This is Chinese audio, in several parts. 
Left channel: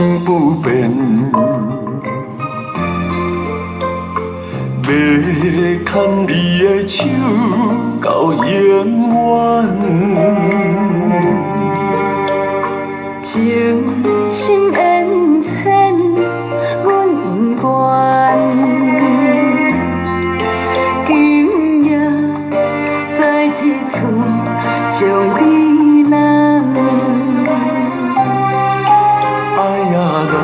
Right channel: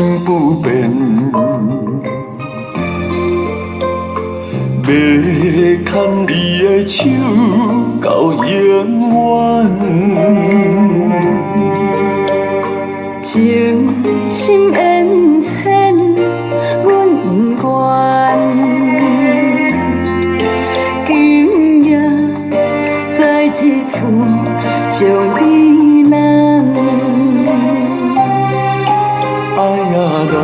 心不变，要牵你的手到永远，情深缘浅，阮不愿。今夜在一处将你人，爱呀人，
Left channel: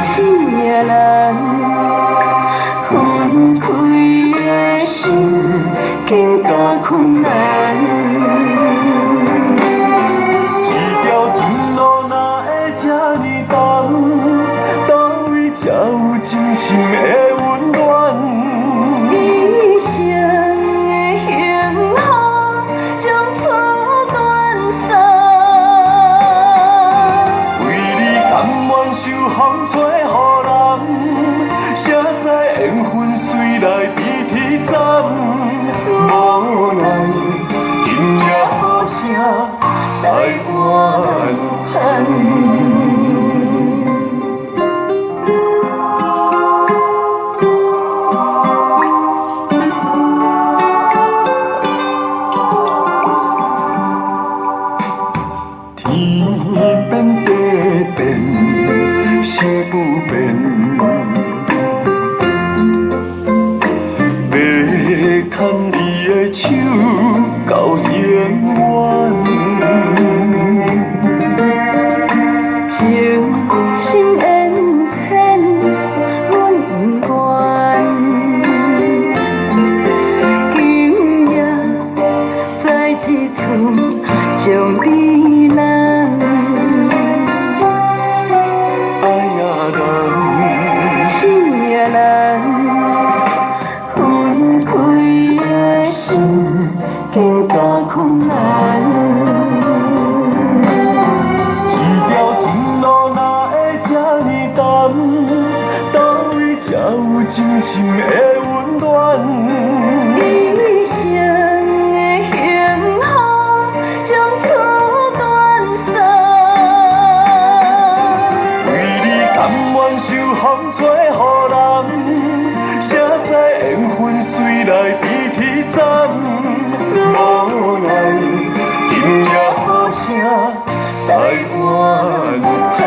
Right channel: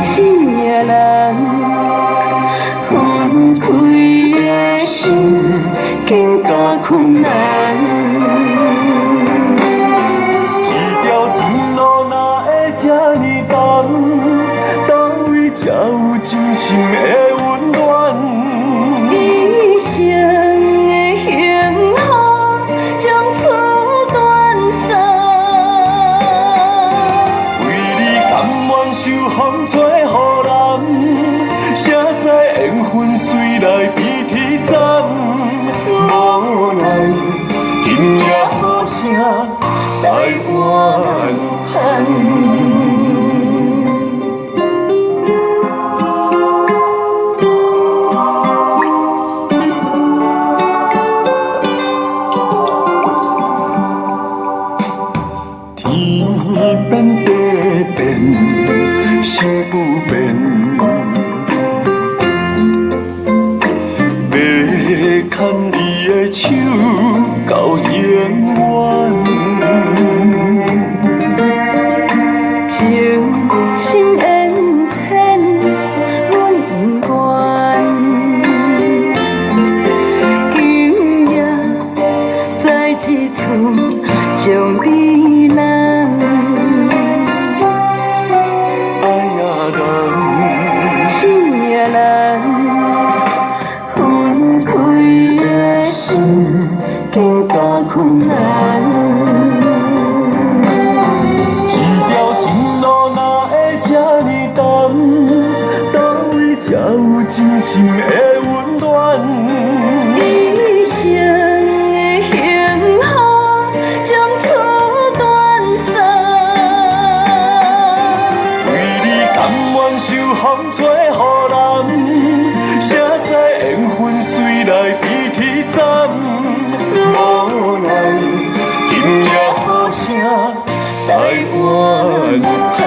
醒呀人，分开的心更加困难。一条情路哪会这呢重？倒位才有真心的温暖？一生的幸福从此断送。为你甘愿受风吹雨淋，谁知缘分随来比天斩？无奈今夜好声来怨叹。天变地变，心不变。要牵你的手到永远，情深缘浅，阮不愿。今夜在一处将你人，爱呀人，醒呀人，分开的心更加困难。一条情路哪会这呢重？倒位才有真心的温暖？一生的幸福从此断送。为你甘愿受风吹雨淋，谁知缘分随来比天斩？无奈今夜好声来怨叹。